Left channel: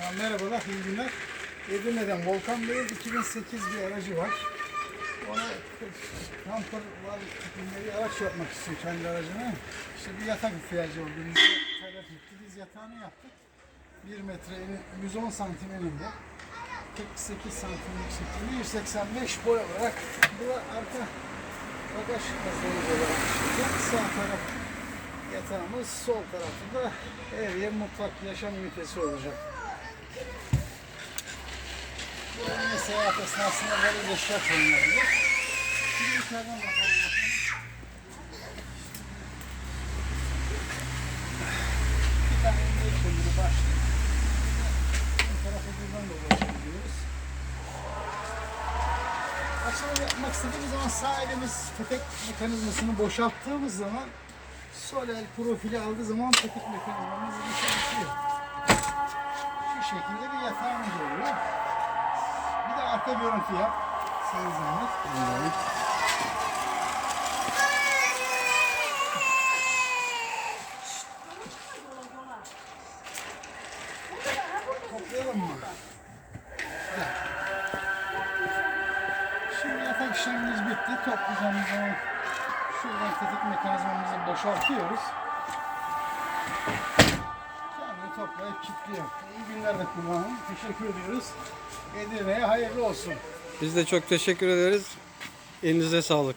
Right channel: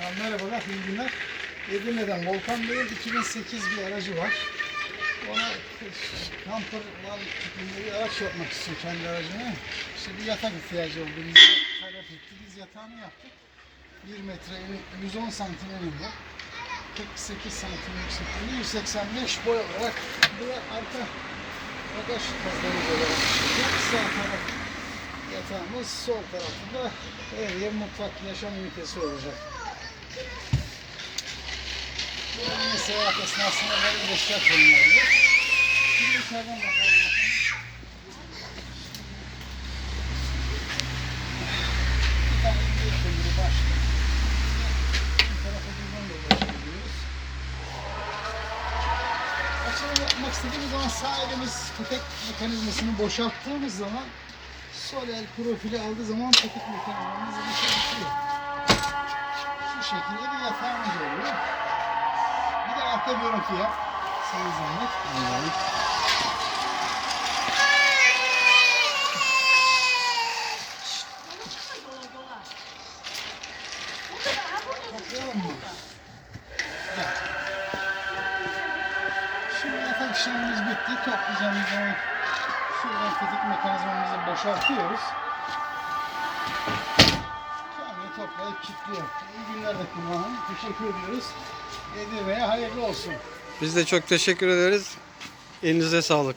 Ha, merhabalar, iyi günler. Edirne'den Volkan Bey'in 2008 bir aracı var. Ona kamper var bir araç yapmak istiyor kendi aracına. İşte bir yatak ihtiyacı oldu. Bize talep etti. Biz yatağını yaptık. 1 metre, eni- 110 santim eninde. 48 santim yüksekliğinde, 185 boy olarak. Bu da arka bagaj tasarımı olarak. Sağ taraf yatağımız, sol tarafında ev yer mutfak yaşam ünitesi olacak. Bu yine seyahat esnasında böyle destek olunabilir. Şimdi içeriden bakalım. Bir tane emniyet kemeri başlıyor. Bu tarafa buradan da ulaşabiliyoruz. Açılımı yapmak istediğimiz zaman sağ elimiz petek mekanizmasını boşalttığımız zaman sol el profili aldığı zaman petek mekanizmamız çalışıyor. Şu şekilde bir yatağımız oluyor. Arka görüntü yap. Sana zahmet. Toplayalım mı? Gel. Şimdi yatak işlemimiz bitti. Toplayacağımız zaman şuradan tetik mekanizmamızı boşaltıyoruz. Toplayıp kilitliyor. İyi günler de kullanın. Teşekkür ediyoruz. Edirne'ye hayırlı olsun. Biz de çok teşekkür ederiz. Elinize sağlık.